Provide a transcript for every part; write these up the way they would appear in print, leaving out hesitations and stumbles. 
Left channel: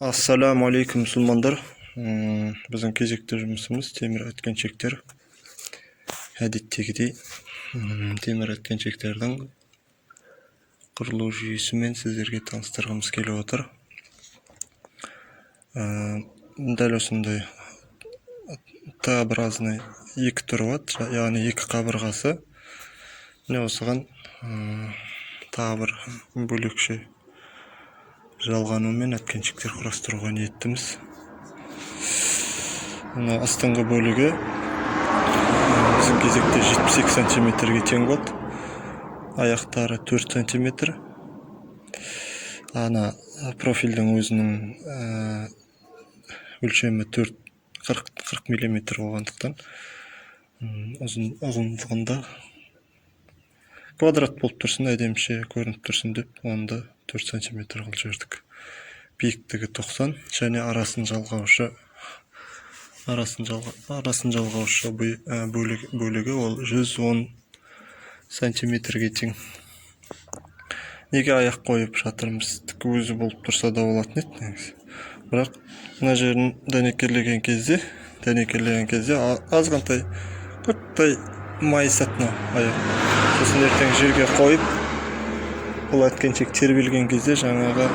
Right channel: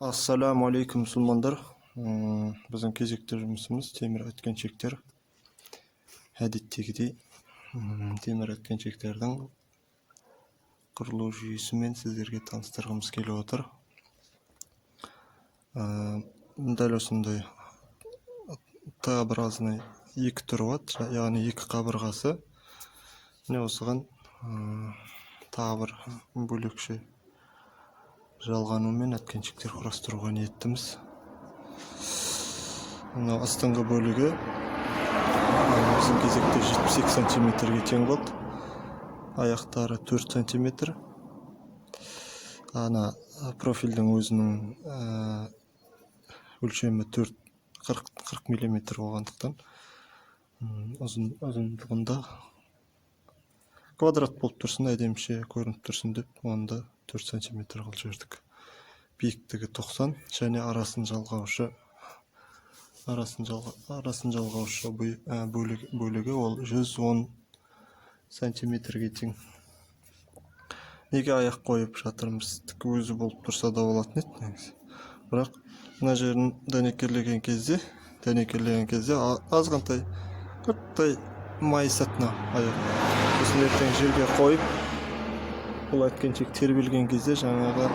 Assalamu alaikum musulmanдар. Біздің кезекті жұмысымыз темір өткеншектер. Әдеттегідей темір өткеншектердің құрылу жүйесімен сіздерге таныстырғымыз келіп отыр. Дәл осындай Т-образный екі түрі бар, яғни екі қабырғасы. Осыған тағы бір бөлекше жалғанумен өткеншектер құрастыруға ниеттіміз. Астыңғы бөлігі біздің кезекте 72 сантиметрге тең болады. Аяқтары 4 сантиметр. Ана профильдің өзінің өлшемі 40 миллиметр болғандықтан ұзындығында квадрат болып тұрсын, әдеміше көрініп тұрсын деп, онда 4 сантиметр қыл жердік. Биіктігі 90 және арасын жалғаушы бөлігі ол 110 сантиметрге тең. Неге аяқ қойып жатырмыз? Өзі болып тұрса да болатын еді. Бірақ мына жерін дәнекерлеген кезде азғантай құрттай майысатын аяқ. Сосын ертең жерге қойып, бұл өткеншек тербелген кезде жаңағы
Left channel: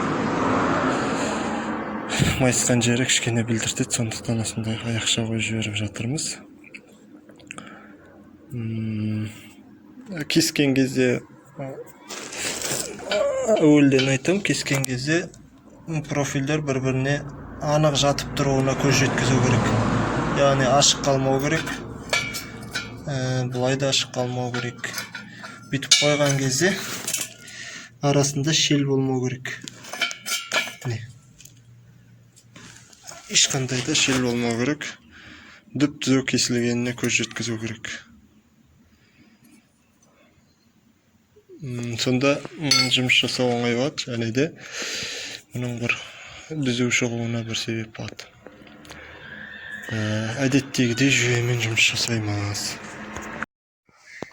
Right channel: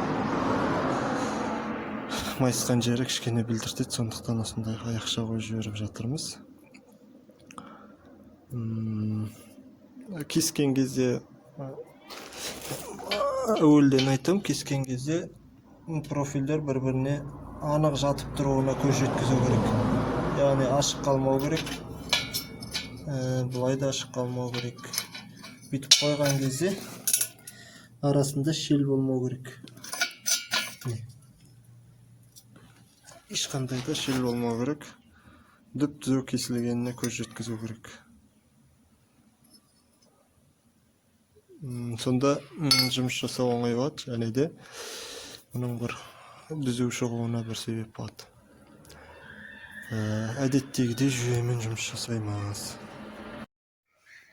майысқан жері кішкене білдіртеді, сондықтан осындай аяқша қойып жіберіп жатырмыз. Кескен кезде әуелден айтам, кескен кезде профильдер бір-біріне анық жатып тұруына көз жеткізу керек. Яғни ашық қалмау керек, бұлай да ашық қалмау керек. Бүйтіп қойған кезде арасында шел болмау керек. Ешқандай да шел болмау керек. Дүп-түзу кесілгеніне көз жеткізу керек. Сонда жұмыс жасау оңай болады, және де мұның бір түзу шығуына бір себеп болады. Әдеттегідей жүйемен жұмыс жасаймыз.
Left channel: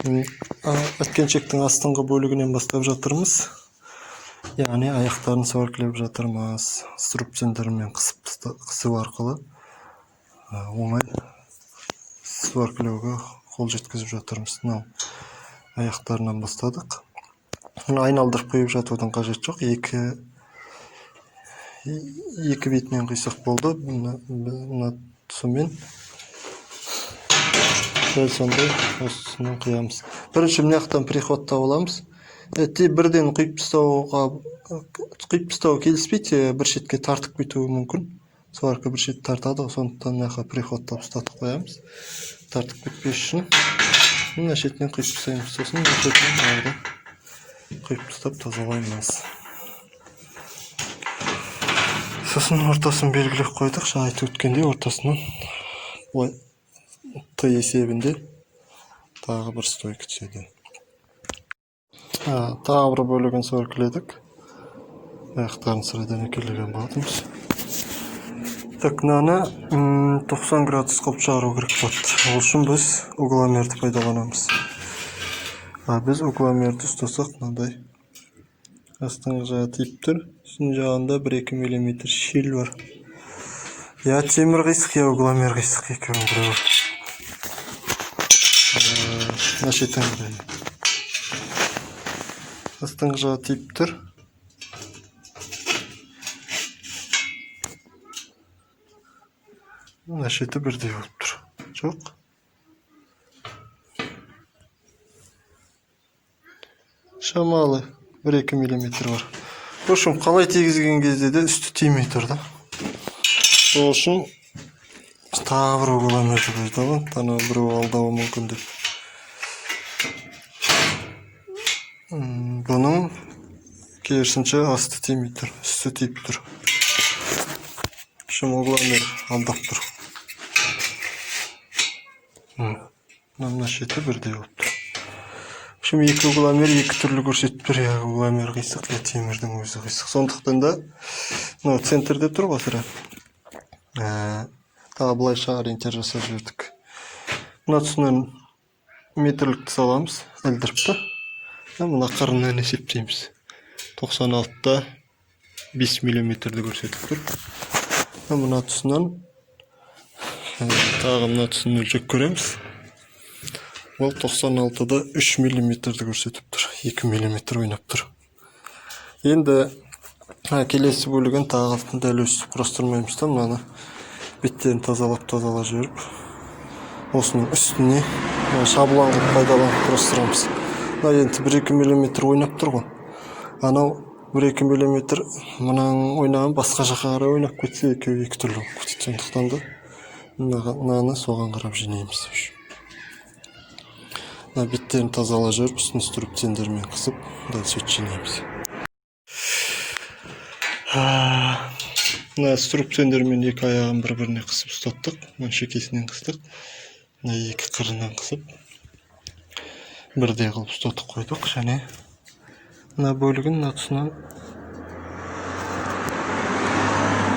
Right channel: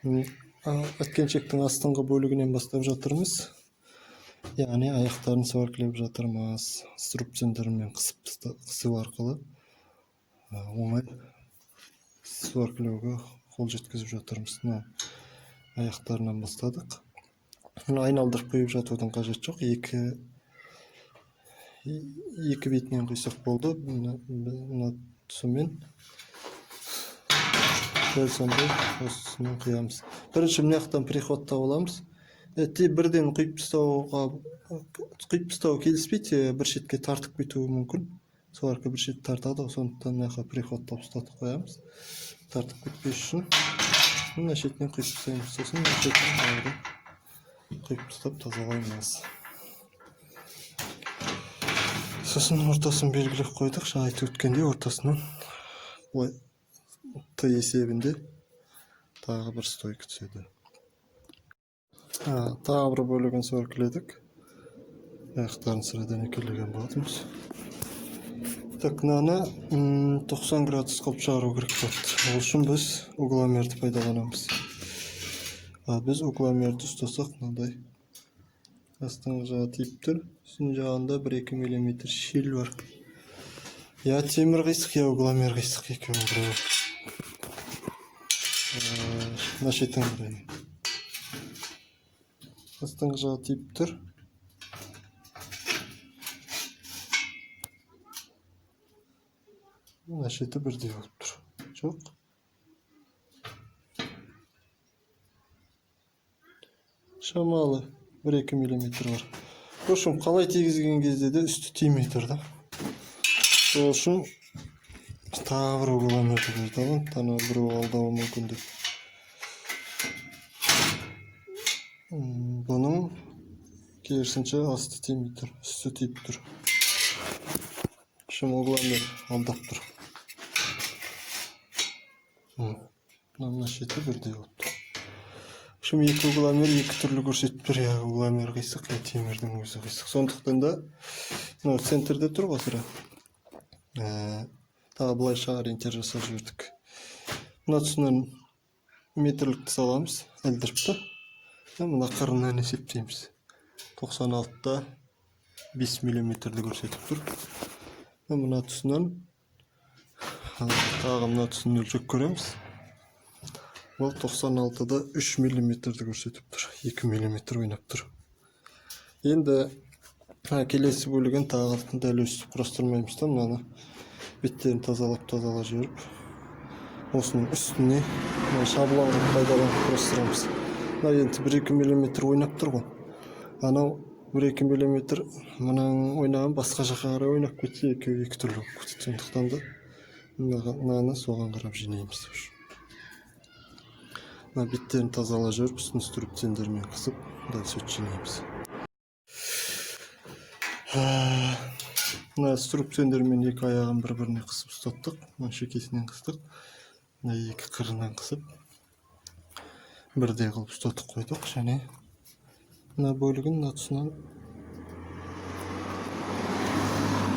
Өткеншектің астыңғы бөлігінен бастап жатырмыз. Яғни аяқтарын сваркілеп жатырмыз. Струбцендермен қысу арқылы оңай сваркілеуге қол жеткізіп жатырмыз. Аяқтарынан бастадық. Айналдырып қойып жатудың қажет жоқ. Екі бетінен қисық болды. Сонымен сондай осысынан қиямыз. Бірінші мынаяқтан приходтап аламыз. Бірден құйып тастау келіспейді, бір шетке тартып кетуі мүмкін. Сварка бір шет тартады, сондықтан мынақа приходтап ұстатып қоямыз. Тартып кетпес үшін мына шетінен құйып тастаймыз. Сосын мына шетінен құйып тастап тазалаймыз. Сосын ортасын белгілеп қойдық. Жаңа айтып өткендей ортасынан Т есебінде тағы бір стойка түседі. Тағы бір бөлігін сваркіледік. Аяқтарын сірі дәнекерлеген болатынбыз. Мынаны 90 градус қылып шығару керек болады. Ол үшін біз угломерді пайдаланамыз. Біз угломерді ұстасақ, мынандай астыңғы жағы тиіп тұр. Үстін жағында 1-2 мм шел бар. Я темір қисық, я угломер қисық екеуін бірі бар. Шеттен бірі. Астыңғы жағы тиіп тұр. Мына шеті бірдей болып тұр. Жоқ. Шамалы 1-2 мм бар. Ол үшін қалай тегізген кезде де үсті тимей тұрды. Ол үшін тағы бір угломерді қойдық. Тана біреу алдауы мүмкін деп. Бұның керісінше асты тимей тұр, үсті тиіп тұр. Шым угломер алдап тұр. Мына шеті бірдей болып тұр. Шым екі угломер екі түрлі көрсетіп тұр. Угломер қисық, темірдің өзі қисық. Сондықтан да центрде тұр ғасыра. Тағы бұлайша ориентер жасап жібердік. Мына тұсынан метрлікті саламыз, әлдіріпті. Мына қарыннан есептейміз. 96-та 5 миллиметрді көрсетіп тұр. Мына тұсынан тағы мына тұсын өлшеп көреміз. Ол 96-да 3 миллиметрді көрсетіп тұр. 2 миллиметр ойнап тұр. Енді келесі бөлігін тағы дәл өстіп құрастырмаймыз да, мынаны беттерін тазалап жіберіп, осының үстіне шаблон қылып пайдаланып құрастырамыз. Енді 1-2 миллиметр ойнап тұр ғой. Анау 1-2 миллиметр мұнаның ойнаған басқа жаққа қарай ойнап кетсе, екеуі екі түрлі болып кетеді. Сондықтан да мынаны соған қарап жинаймыз. Беттерін тазалап жіберіп, үстін стрүптендермен қысып, дәл сөйтіп жинаймыз. Стрүптендермен екі аяғын бір-біріне қысып ұстаттық. Шекесінен қыстық. Екі қырынан қысып, бірдей қылып ұстатып қойдық. Және мына бөлігін мына тұсынан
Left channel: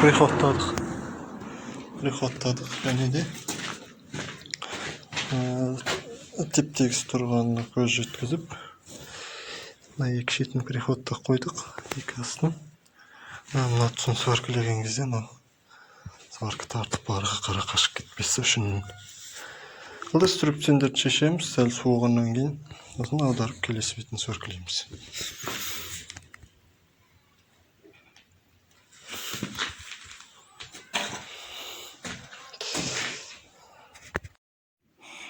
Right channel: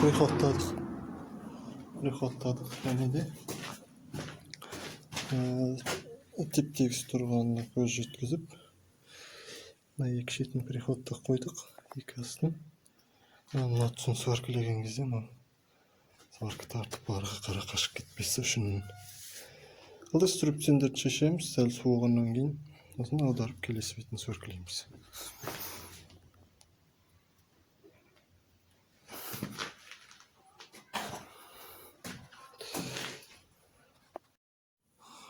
приходтадық. Және де теп-тегіс тұрғанына көз жеткізіп, екі шетін приходта қойдық, екі астын. Мына тұсын сваркілеген кезде сварка тартып арғы қара қашып кетпесі үшін. Алда стрүптендерді шешеміз, сәл суығаннан кейін осын аударып келесі бетін сваркілейміз.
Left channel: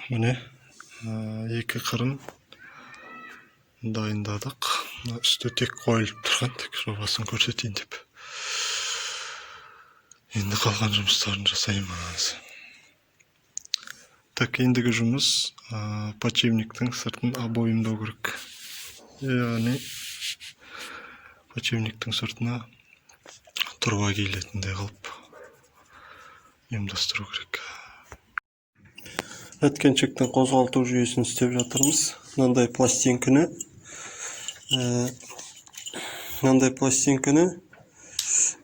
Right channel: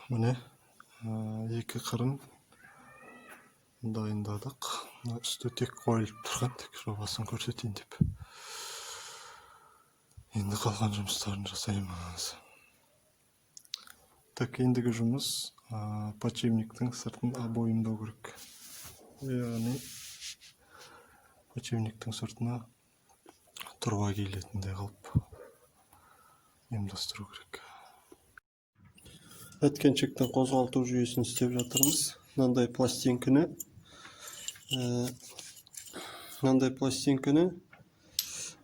Міне екі қырын дайындадық. Үсті тек қойылып тұрған, тек жобасын көрсетейін деп. Енді қалған жұмыстарын жасаймыз. Так, ендігі жұмыс подшипниктің сыртын обойымдау керек. Яғни подшипниктің сыртына тұрба киілетіндей қылып ұйымдастыру керек. Әткеншектің қозғалту жүйесін істеп жатырмыз. Мынандай пластинканы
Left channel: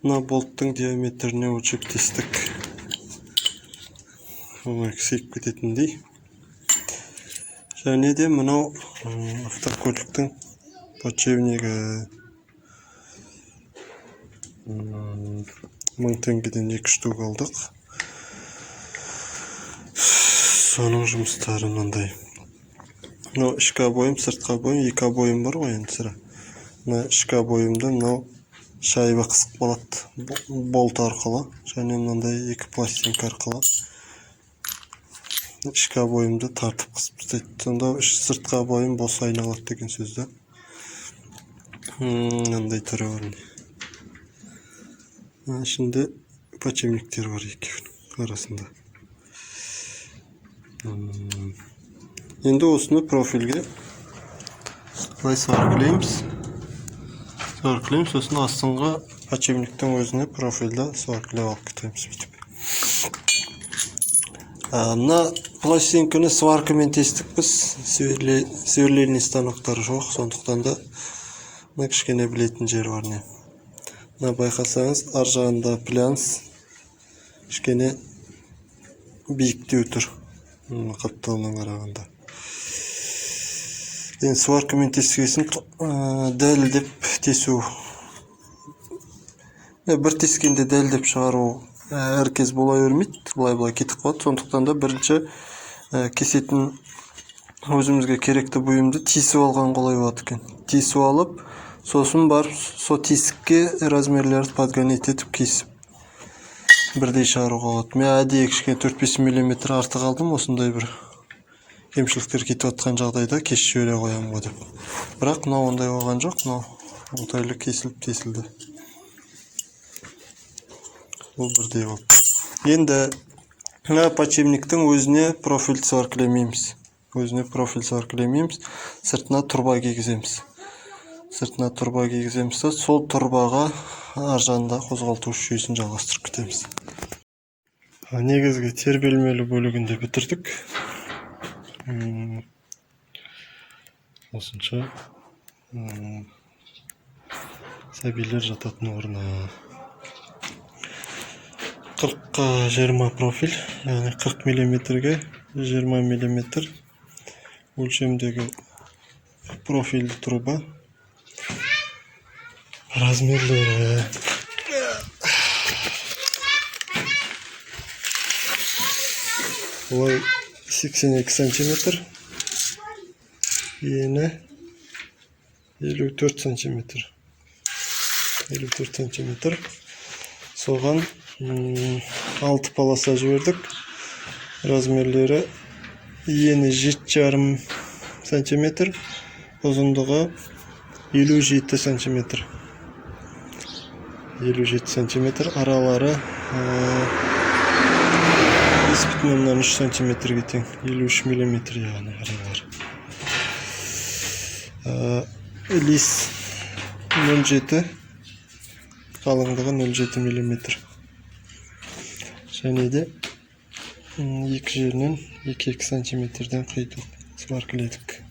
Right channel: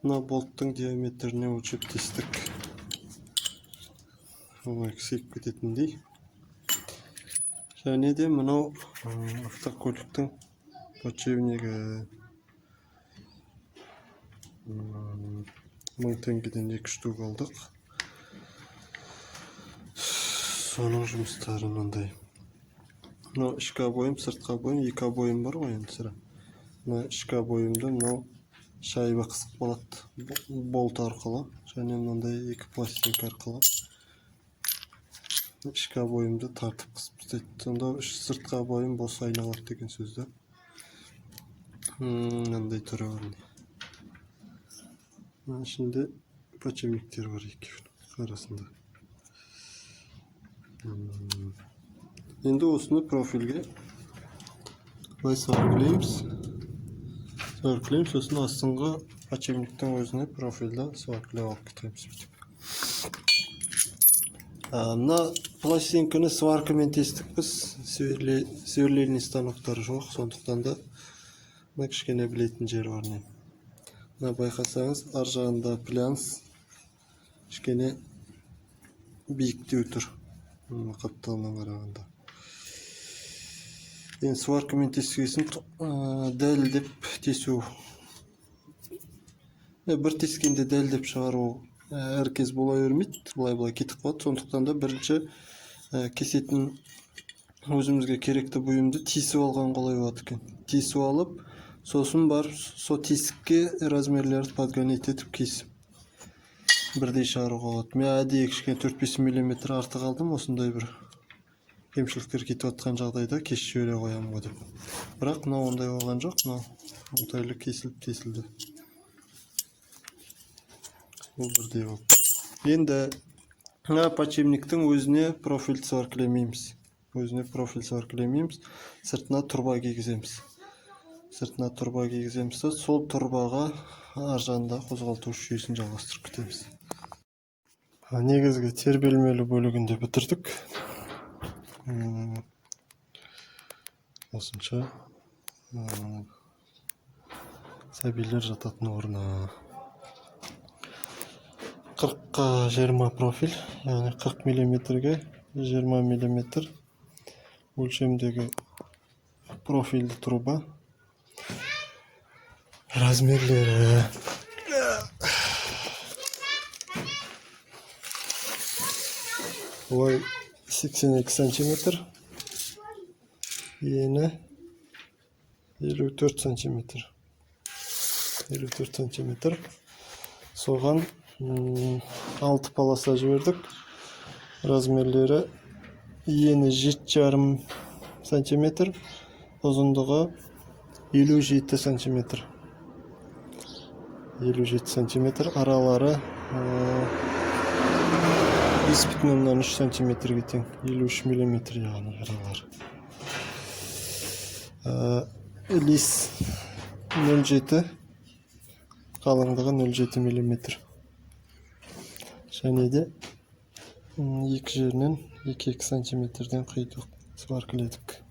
мына болттың диаметріне өлшеп тестік. Олай кісейіп кететіндей. Және де мынау автокөліктің подшипнигі 1000 теңгеден 2 штук алдық. Соның жұмыстары мынандай. Ішкі обойым, сыртқы обойым, екі обойым бар ғой енді сірә. Ішкі обойымды мынау шайба қысып болады болт арқылы, және мынандай екі пластинка арқылы ішкі обойымды тартып қысып тастайды. Сонда сыртқы обойым бос айналады деген сөзді. Мынандай түрі бар. Ішінде подшипниктер бар екеуінің арасында. Енді осыны профильге былай сваркілейміз. Сосын астыңға подшипниктің өзіне профильді сваркілеп алып кетеміз. Мына пластинканы сваркамен тестік біз. Сверлильный станоктары жоқ, сондықтан да кішкене білетін жер бар. Мына байқасаңыз, ар жағында плянс кішкене биіктеу тұр. Қапталынан қарағанда. Енді сваркамен тескесін дәлдеп тесу. Бір тескенде дәлдеп шығару әркез бола өрмейді, бұлай кетіп қалады. Сондықтан да бірінші кесетін өзімізге керекті бұйымды тесіп алған қолай болады екен. Тесіп алып, сосын барып, со тесікке размерлерді подгонять етіп кесіп бірдей шығаруға болады. Мен әдейі кішкене 4-5 мм артық алдым, осындай бір кемшіліктер кетіп жатқан жағдайда кесіп жібере қоямын ғой деп. Бірақ мынау ондай болған жоқ, мынау оңтайлы кесілді. Ол бірдей болды. Енді подшипниктің өзіне профиль сваркілемейміз. Сыртына тұрба кигіземіз. Сол тұрбаға аржанда қозғалту жүйесін жалғастырып кетеміз. Негізгі тербелмелі бөлігінде бітірдік. Осынша сәбилер жататын орны. 40-қа 20 профиль, яғни 40 мм-ге 20 мм өлшемдегі профильді труба. Размерлі Ой 82 сантиметр. Ені 54 сантиметр. 54 сантиметр. Соған 6 полоса жібердік. Размерлері ені 7,5 сантиметр. Ұзындығы 57 сантиметр. 57 сантиметр. Аралары 5,3 сантиметрге тең. 53 миллиметр яғни аралары. Лис 0,7, қалыңдығы 0,7 миллиметр. Және де екі жерінен 2,2 сантиметрден қидық, сваркіледік.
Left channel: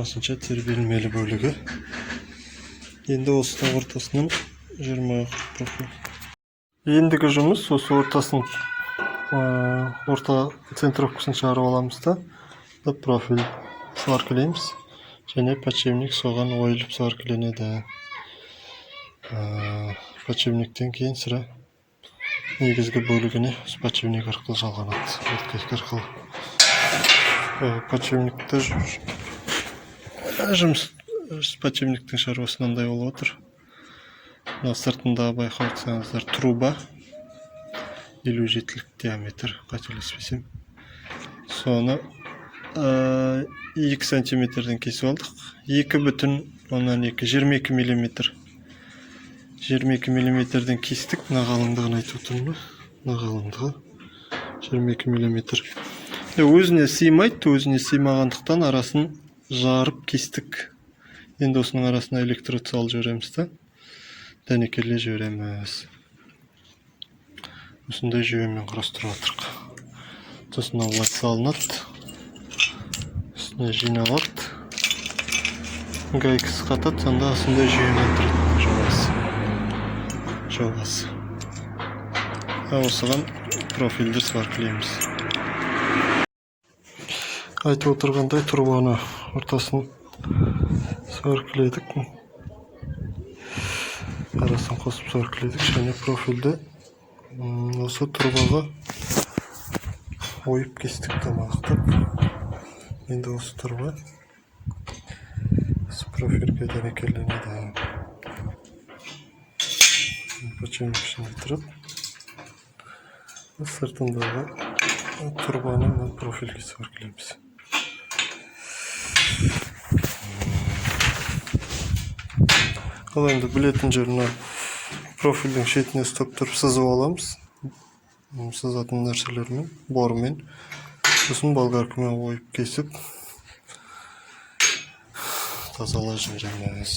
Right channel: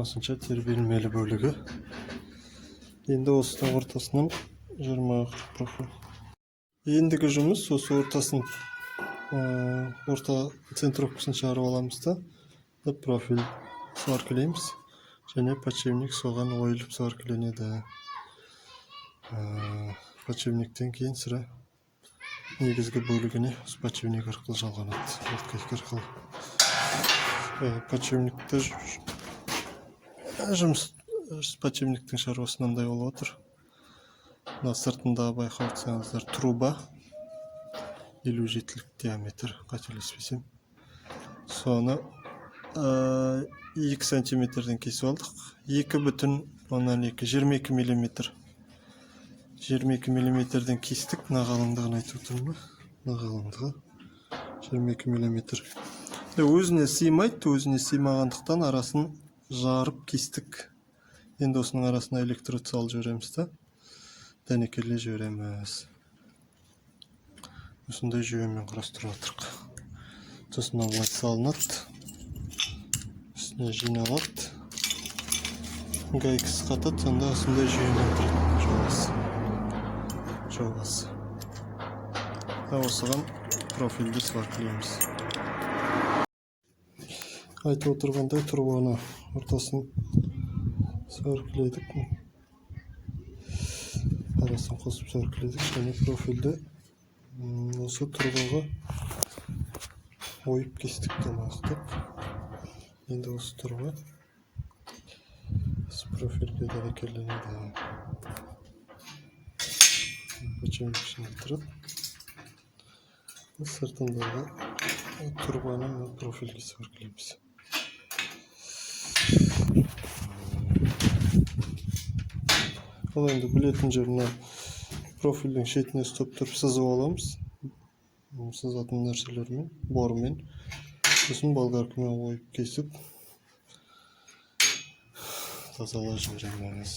Осынша тербелмелі бөлігі. Енді осының ортасынан 20 профиль. Ендігі жұмыс осы ортасын орта центровкасын шығарып аламыз да профиль сваркілейміз. Және подшипник соған ойылып сваркіленеді. Подшипниктен кейін сірә негізгі бөлігіне подшипник арқылы жалғанады. Өткізгі арқылы. Подшипникті жұмыс подшипниктің шаруасы мынандай болып отыр. Сыртында байқасаңыздар труба 57 диаметр, қателеспесем. Соны 2 сантиметрден кесіп алдық. 2,2 миллиметр. 22 миллиметрден кестік. Қалыңдығын айтып отырмын. Қалыңдығы 22 миллиметр. Өзіне сыймайды, өзіне сыймағандықтан арасын жарып кестік. Енді осының арасына электрод салып жібереміз да. Дәнекерлей жібереміз. Осындай жүйемен құрастырып отырмыз. Сосын олай салынады. Үстіне жиналады. Гайкасы қатады, сонда осындай жүйемен тұрады жобасы. Осыған профильдер сваркілейміз. Айтып отырғандай турбаны ортасын сваркіледік. Арасын қосып сваркіледік. Және профильді осы турбаға ойып кестік тамақтап. Енді осы турба профильге дәнекерленеді. Подшипник ішінде тұрып, сыртындағы турбаны профильге сваркілейміз. Ал енді білетін жеріне профильдің шетіне ұстап тұрып сызып аламыз. Сызатын нәрселермен, бормен. Сосын болгаркамен ойып кесіп тазалай жібереміз.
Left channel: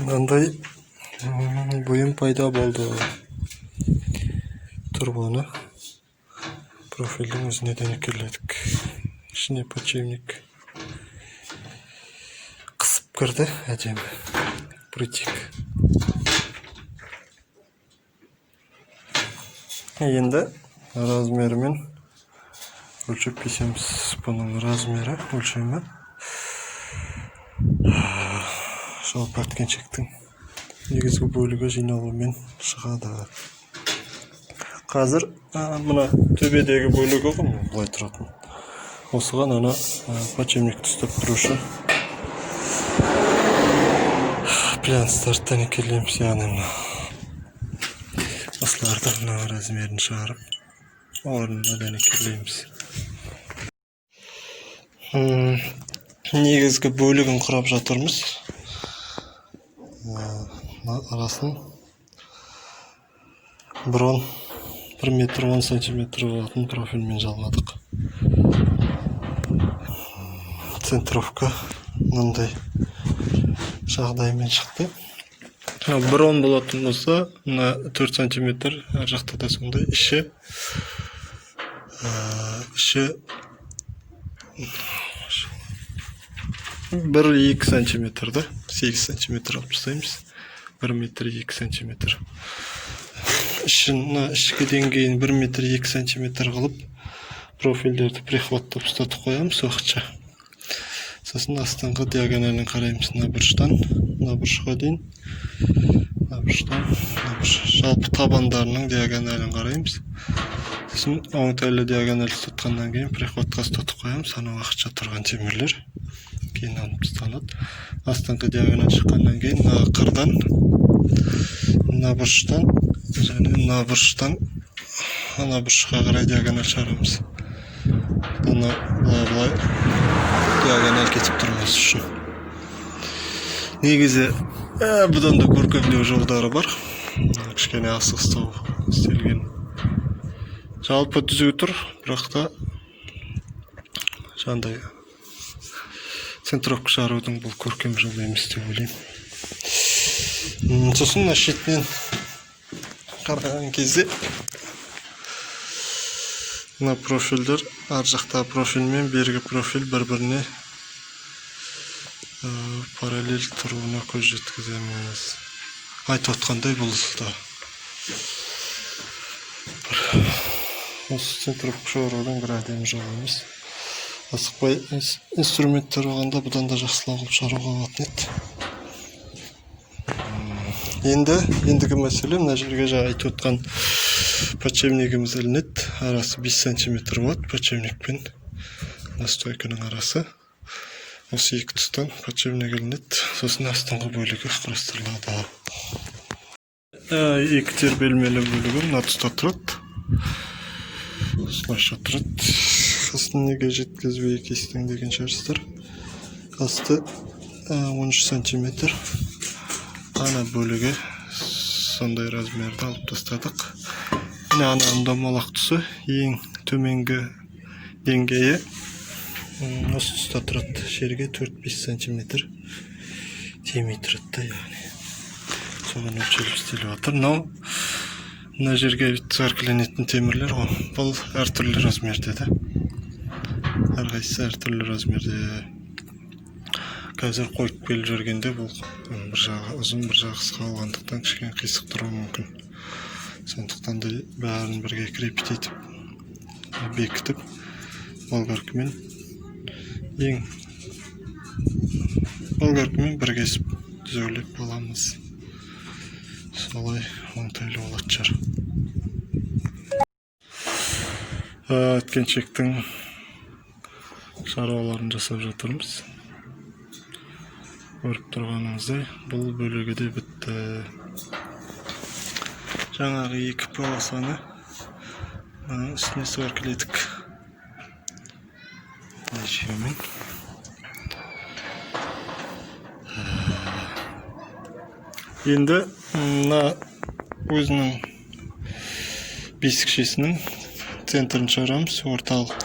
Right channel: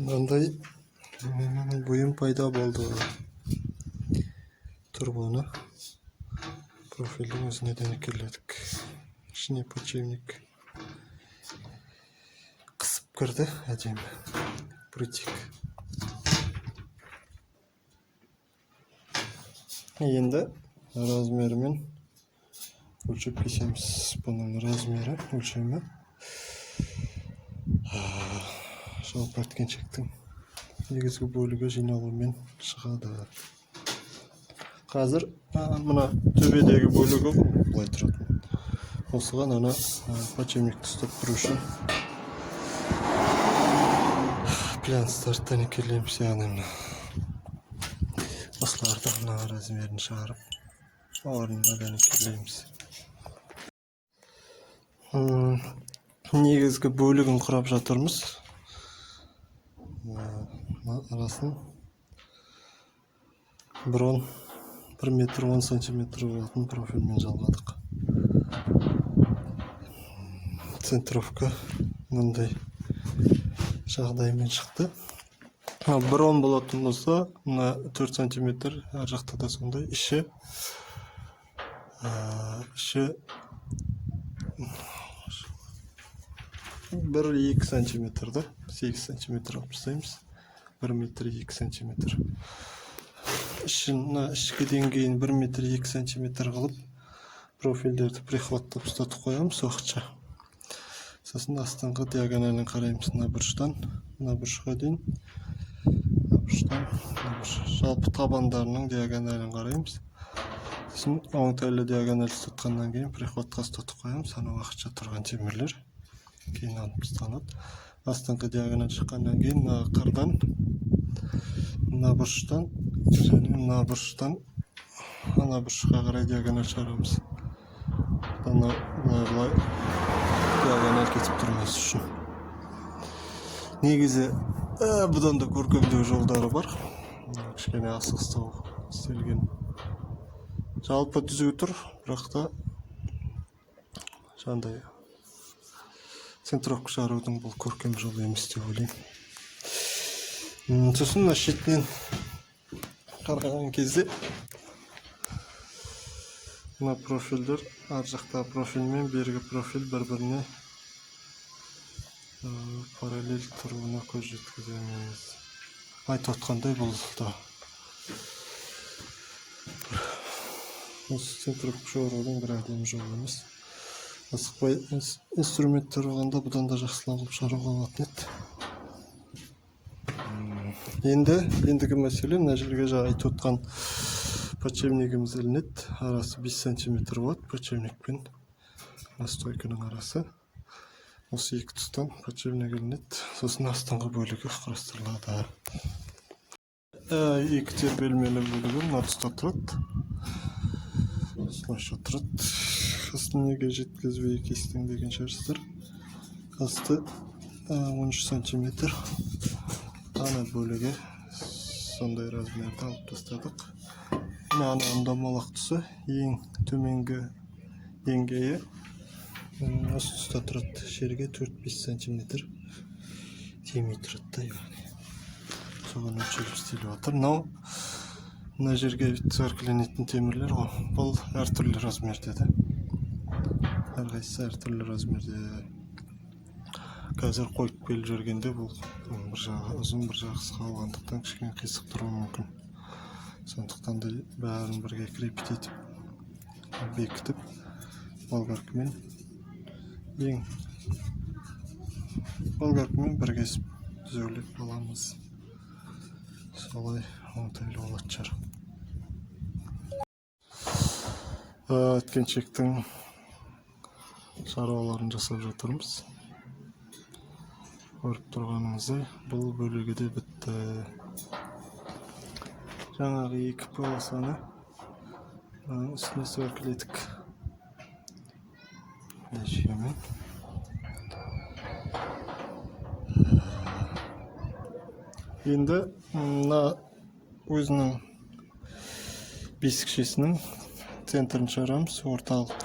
Мынандай бұйым пайда болды. Турбаны профильдің өзіне дәнекерледік. Ішіне подшипник қысып кірді, әдемі. Притик. Енді размерімен өлшеп кесеміз. Бұның размері, өлшемі жалпы әткеншектің негізгі бөлігі жиналуымен шығады. Қазір мұна төбедегі бөлігі ғой, бұлай тұратын. Осыған ана подшипникті ұстап тұру үшін плянстарды дәнекерлейміз. Яғни осыларды мына размерін шығарып, орнына дәнекерлейміз. Негізгі бөлігін құрап жатырмыз. Арасын брон 1 метр 10 сантиметр болатын профильмен жалғадық. Центровка мынандай жағдаймен шықты. Брон болатын болса, 4 сантиметр, әр жақта да сондай. Іші 1-2 сантиметрді 8 сантиметр алып тастаймыз. 1 метр 2 сантиметр. Ішкі деңгейін 1 метр 2 сантиметр қылып профильдерді прихваттап ұстатып қоямыз уақытша. Сосын астыңғы диагоналін қараймыз. Мына бұрыштан, мына бұрышқа дейін. Мына бұрыштан, мына бұрыш. Жалпы табандарының диагоналін қараймыз. Сосын оңтайлы диагональ тұтқаннан кейін приходқа ұстатып қоямыз. Анау уақытша тұрған темірлер кейін алып тасталады. Астыңғы диагональ шыққаннан кейін мына қырдан, мына бұрыштан және мына бұрыштан ана бұрышқа қарай диагональ шығарамыз. Бұны былай диагональ кетіп тұрмас үшін. Негізі бұдан да көркемдеу жолдары бар. Кішкене асығыстау істелген. Жалпы түзу тұр, бірақ та жандай центровка шығарудың бұл көркем жолы емес деп ойлаймын. Сосын мына шетінен қараған кезде мына профильдер ар жақта профиль мен бергі профиль бір-біріне параллель тұруына көз жеткіземіз. Айтып отқандай бұл да осы центровка шығарудың бір әдемі жолы емес. Асықпай инструменттер болғанда бұдан да жақсылау қылып шығаруға болатын еді. Ендігі мәселе мына жерге жаңа айтып отқан подшипнигіміз ілінеді. Арасы 5 см болады подшипник пен настойканың арасы. Осы екі тұстан подшипник ілінеді. Сосын астыңғы бөлігі құрастырылады. Екі тербелмелі бөлігі мына тұста тұрады. Осылайша тұрады. Астын неге жеткізбей кестің деген шығарсыздар. Асты 13 см. Ана бөлігі сондай размерді алып тастадық. Ананың домалақ тұсы ең төменгі деңгейі осы тұста тұрады. Жерге 4-5 см тимей тұрады. Соған өлшеліп істеліп жатыр. Мына жерге циркленетін темірлер ғой. Бұл әртүрлі размерде де. Әрқайсысы әртүрлі размерде. Қазір қойып келіп жүргенде бұл бір жағы ұзын, бір жағы қысқа болғандықтан кішкене қисық тұруы мүмкін. Сондықтан да бәрін бірге крепить етіп, бекітіп, болгаркамен бір кесіп түзеулеп аламыз. Солай оңтайлы болады шығар. Өткеншектің шаруаларын жасап жатырмыз. Көріп тұрғаныңыздай бұл бөлігі де бітті. Жаңағы екі полосаны үстіне сваркіледік. Нәжемен. Енді мына өзінің бесікшесінің центрін шығарамыз, орталық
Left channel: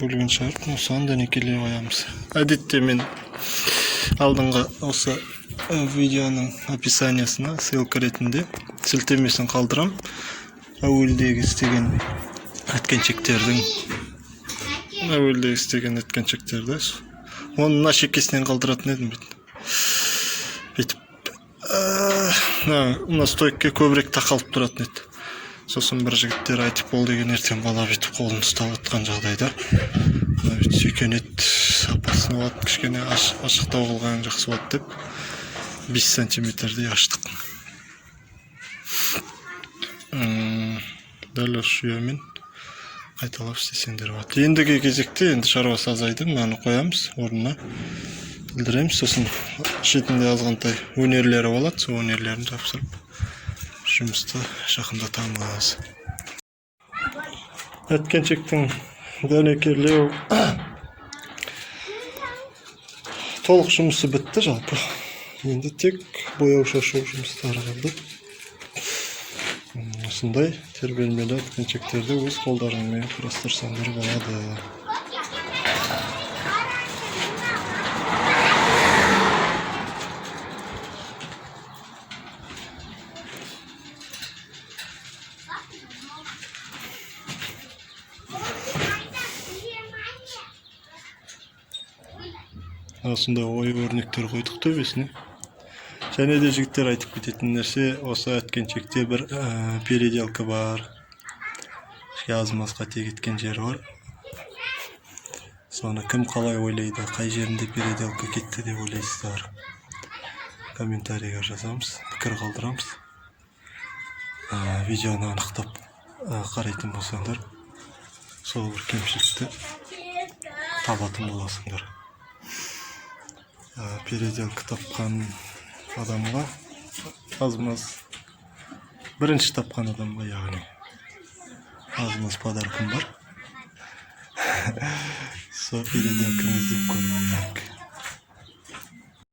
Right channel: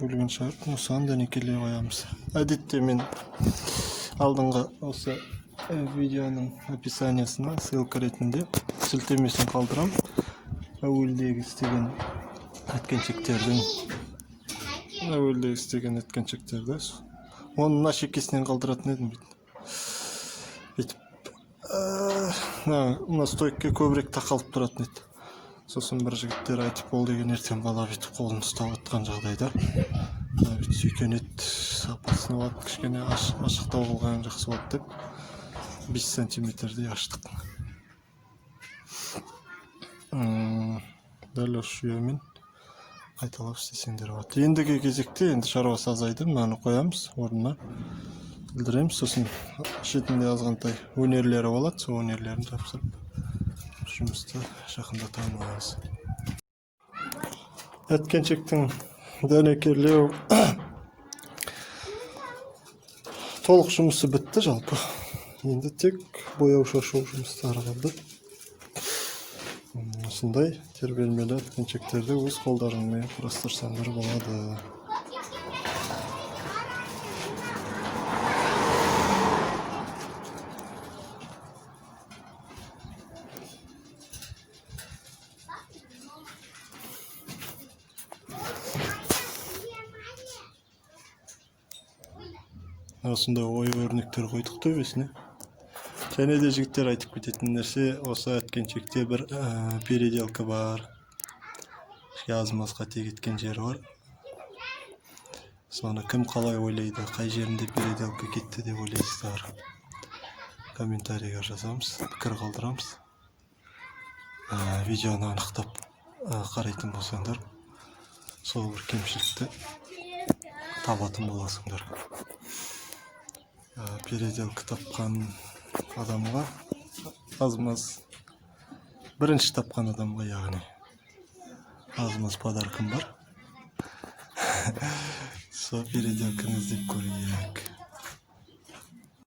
бөлігін шығарып, осыған дәнекелей қоямыз. Әдетте мен алдыңғы осы видеоның описаниясына ссылка ретінде сілтемесін қалдырам. Әуелдегі істеген өткеншектерді. Оны мына шекесінен қалдыратын едім бүйтіп. Мына стойкке көбірек тақалып тұратын еді. Сосын бір жігіттер айтып бол деген ертең бала бүйтіп қолын ұстап отқан жағдайда сүйкенет сапасын болады, кішкене ашықтау қылған жақсы болады деп 5 см-дей аштық. Дәл осы жүйемен қайталап істесеңдер болады. Ендігі кезекте енді шаруасы азайды, мынаны қоямыз орнына, білдіреміз. Сосын шетінде азғантай өнерлері болады, сол өнерлерін жапсырып жұмысты жақындатамыз. Өткеншектің дәнекерлеу толық жұмысы бітті жалпы. Енді тек бояу шашу жұмыстары қалды. Осындай тербелмелі өткеншектерді өз қолдарыңмен құрастырсаңдар болады. Осындай ой өрнектер қойдық төбесіне. Және де жігіттер айтып кететін нәрсе, осы өткеншекте бір переделка бар. Аз-маз қате кеткен жері бар. Соны кім қалай ойлайды, қай жерінде переделка кетті деп ойлайсыздар. Комментарийға жазамыз, пікір қалдырамыз. видеоны анықтап қарайтын болсаңдар, сол бір кемшілікті табатын боласыңдар. Переделка тапқан адамға аз-маз, бірінші тапқан адамға, яғни аз-маз подаркым бар. Сол переделканы іздеп көрейік.